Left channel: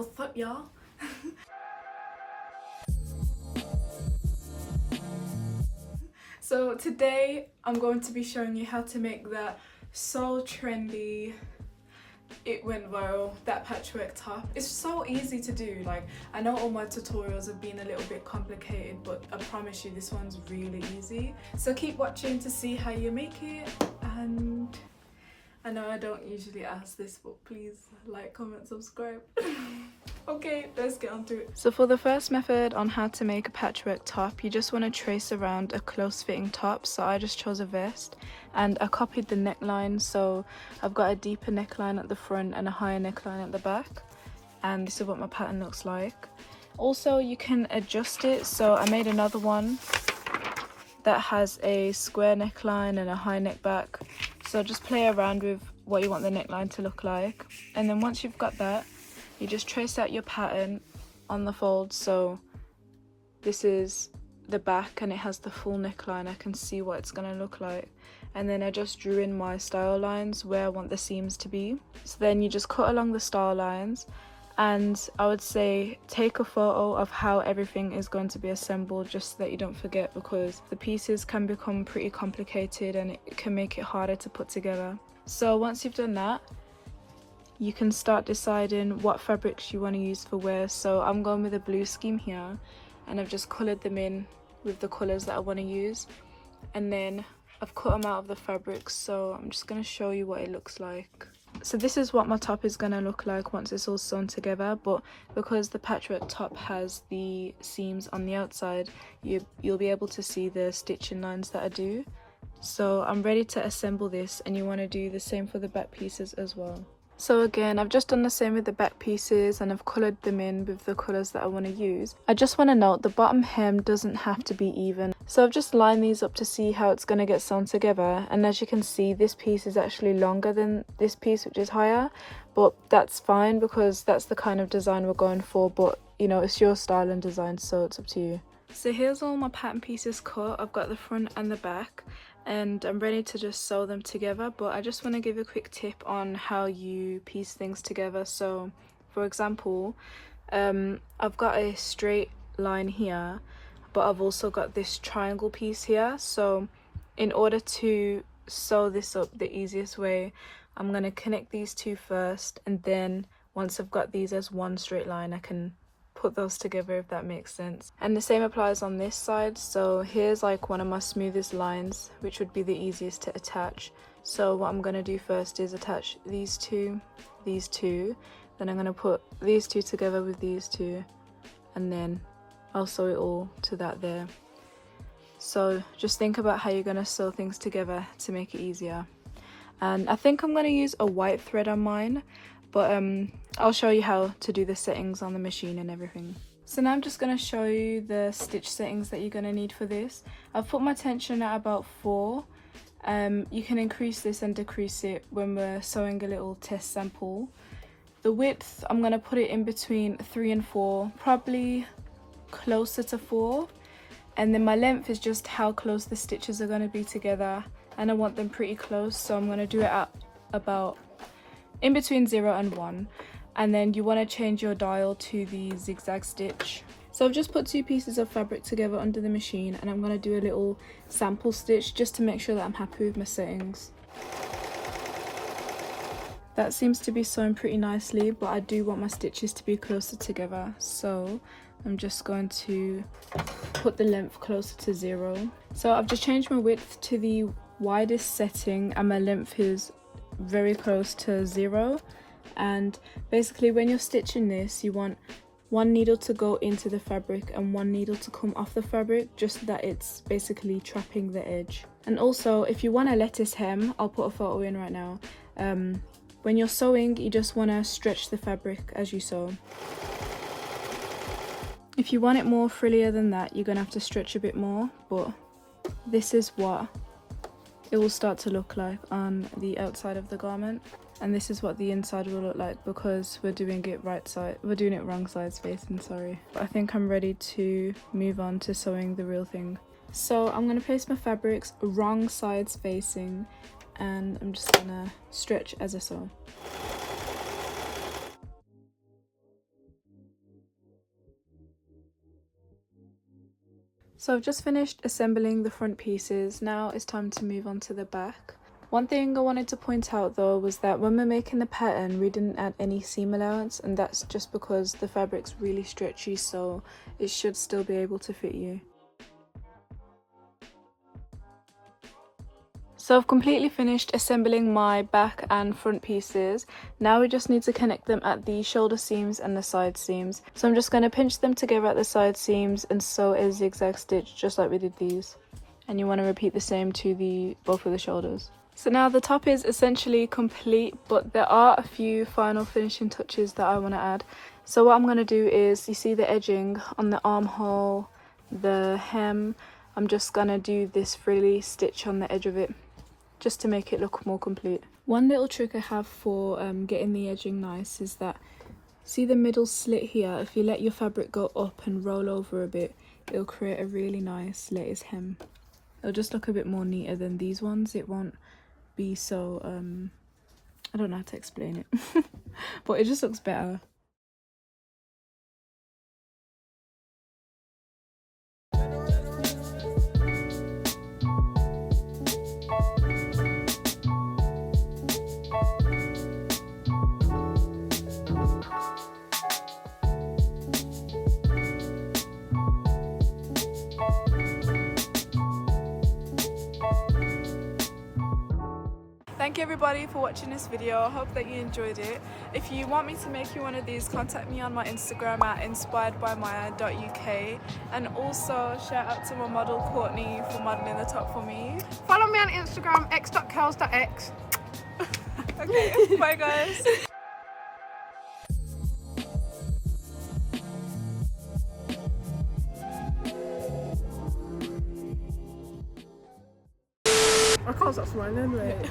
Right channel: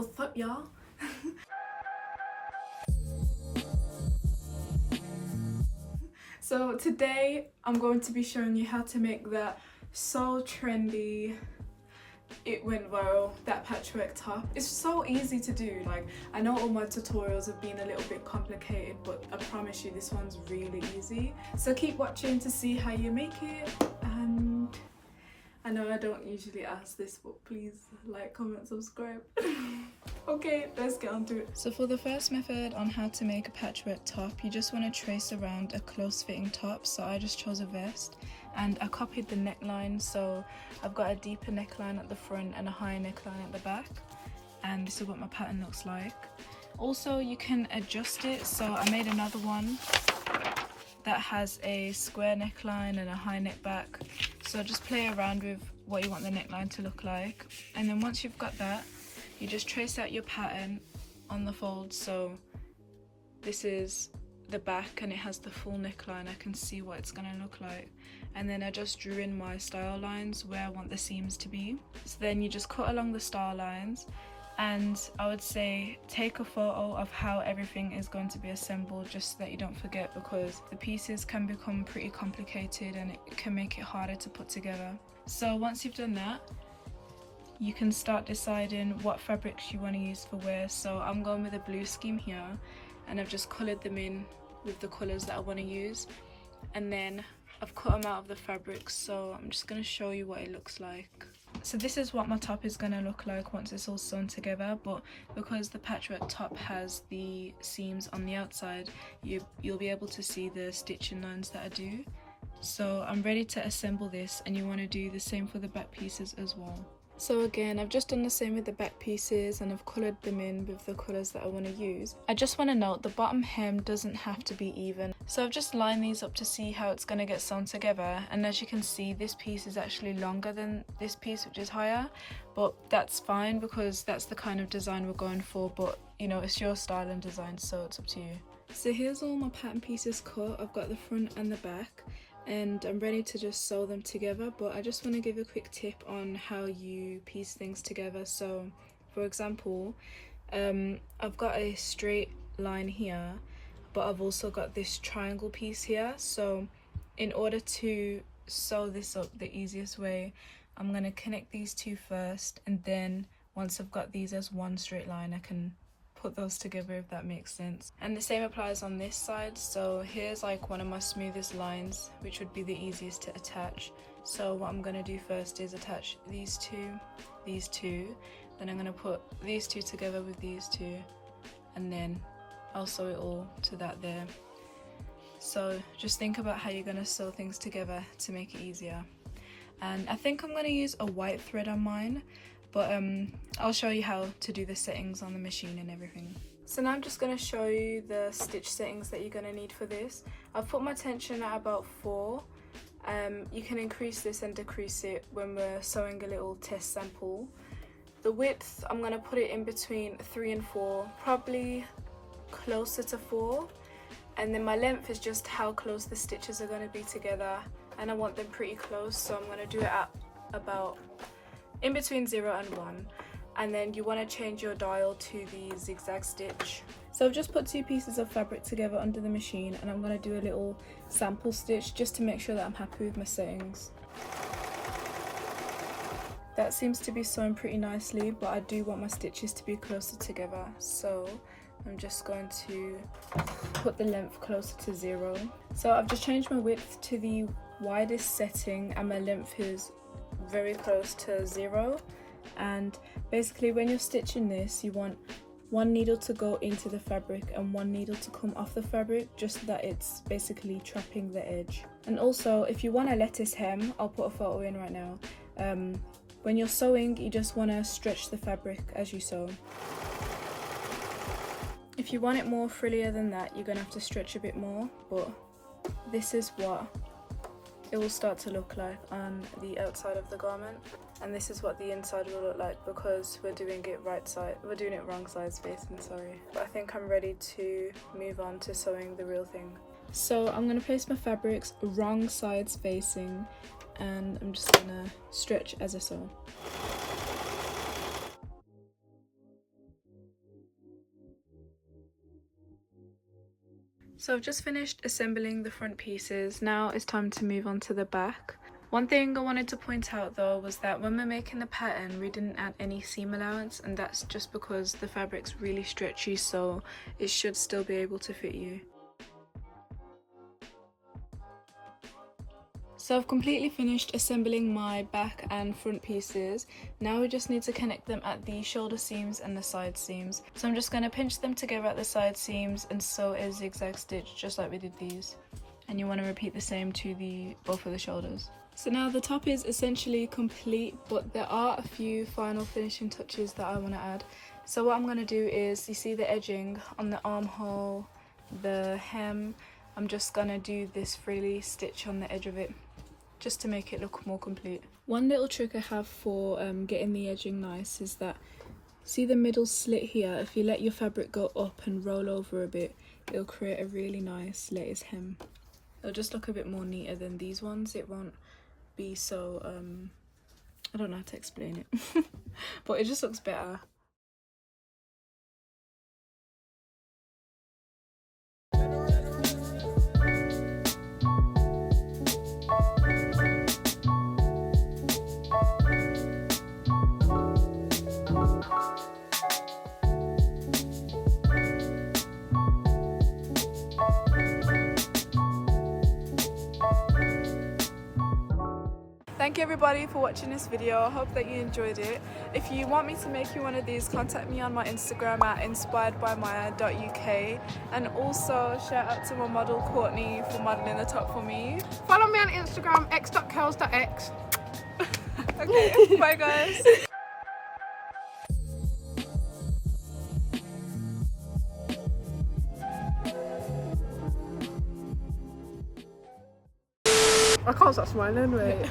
What's up, y'all? So today I'm going to be showing you how to make that so trendy, it went viral, that patchwork top. It's so easy to do. Like, I know all my tutorials have been a little bit complicated, but I promise you this one's really easy. So keep watching to see how you make it. And I know I don't usually ask this, but please like, comment, subscribe. Okay, let's get on to it. So for the first method on how to make a patchwork top, you just want to trace around a close fitting top. So I just chose a vest and I copied the neckline. So I've got a deeper neckline at the front and a higher neckline at the back. And this is what my pattern looks like. Also, you can adjust it. So I made another one that has a square neckline and a high neck back. So just play around with what you want the neckline to look like. And then once you've got that, you just trace out your pattern on the fold. So this is the back and it has the full neckline. I can see what it's gonna look like. And then I just drew in my style lines where I want the seams to be. So then you just cut along the style lines, and I would say take a photo of how everything is going to be assembled, just so that you don't forget, because the pieces can become pretty complicated and it can make it harder to put together. So once you've done that, you can start deciding what fabrics you want to use for where. So I'm going with a blue scheme here, and I've just coloured them in with the colours that I want to use, and then I've cut them out of the fabrics. So I'm just going to show you what it looks like. So this is what my top is going to look like once it's all sewn together, but because the patchwork top has the seams on the outside, you'll be able to see the stitching lines that I do. So I'm ready to assemble this, and you want to do the same for the back pieces as well. So again, I've just done the same with the back pieces and I've coloured them in with the colours that I want to use. I just want to note the bottom hem doesn't have to be even. So I've just lined these up to see how it's going to get sewn together, and as you can see, this piece is actually longer than this piece, which is higher, but that's fine because that's the kind of design we're going for. But you know, it's your style and design, so it's up to you. So here's all my pattern pieces cut. I've got the front and the back, and I'm ready to just sew them together. But I just want to give a quick tip on how you piece things together. So for example, I've got a straight line here, but I've also got this triangle piece here. So in order to sew this up the easiest way, I'm going to connect these two first, and then once I've got these as one straight line, I can put those together, if that makes sense. And the same applies on this side. So here's like one of my smoothest lines, which would be the easiest to attach. So what I'm going to do first is attach these two, then I'm going to put these two together with these two, and then I'll sew it all to that there. So just think about how you're going to sew things together to make it easier. And I think I'm going to use a white thread on mine, but I'll show you how to do the settings on the machine and everything. So now I'm just going to show you the stitch settings that you're going to need for this. I've put my tension at about 4. You can increase this and decrease it when we're sewing a little test sample. The width, I'm going to put it in between 3 and 4, probably closer to 4. And then my length is just how close the stitches are going to be together, and I want them pretty close, so I'm going to do it at about in between 0 and 1. And then you want to change your dial to the zigzag stitch. So I've just put 2 pieces of fabric together under the machine, and I'm going to do a little sample stitch just to make sure that I'm happy with my settings. That seems to be sewn pretty nicely, but I do want my stitches to be closer together, so I'm just going to put the length closer to 0. So I've just changed my width to the widest setting, and my length is very close to 0. And basically when you're stitching this, you want one needle to go into the fabric and one needle to come off the fabric, just so that it's basically trapping the edge. And also, if you want a lettuce hem, I'll put a photo in right now. When you're sewing, you just want to stretch the fabric as you sew. If you want it more frillier than that, you're going to have to stretch a bit more, but this is what it will start to look like on the outside of the garment, and this is what the inside will look like because we're doing it wrong sides facing, sorry. I think I'm ready to move on to sewing the real thing. So I'm going to place my fabrics wrong sides facing, and I'm just going to stretch as I sew. So I've just finished assembling the front pieces. Now it's time to move on to the back. One thing I wanted to point out though was that when we're making the pattern, we didn't add any seam allowance, and that's just because the fabric's really stretchy, so it should still be able to fit you. So I've completely finished assembling my back and front pieces. Now we just need to connect them at the shoulder seams and the side seams. So I'm just going to pinch them together at the side seams and sew a zigzag stitch just like we did these. And you want to repeat the same to both of the shoulders. So now the top is essentially complete, but there are a few final finishing touches that I want to add. So what I'm going to do is, you see the edging on the armhole, the hem, I'm just going to do this frilly stitch on the edge of it, just to make it look more complete. One little trick I have for getting the edging nice is that, see the middle slit here, if you let your fabric go up and roll over a bit, it'll create a really nice lattice hem. It'll just look a bit more neater than these ones. It won't be so, I don't know how to explain it, but it just looks better. Thank you everybody for watching this video. I hope that you enjoyed it. If you want me to make you one of these, contact me on my Instagram at inspiredbymyah.uk, and also shout out to my model Courtney for modeling the top for me. Follow me on Instagram, x.curls.x. Okay, bye guys. I can't stop smiling, wait.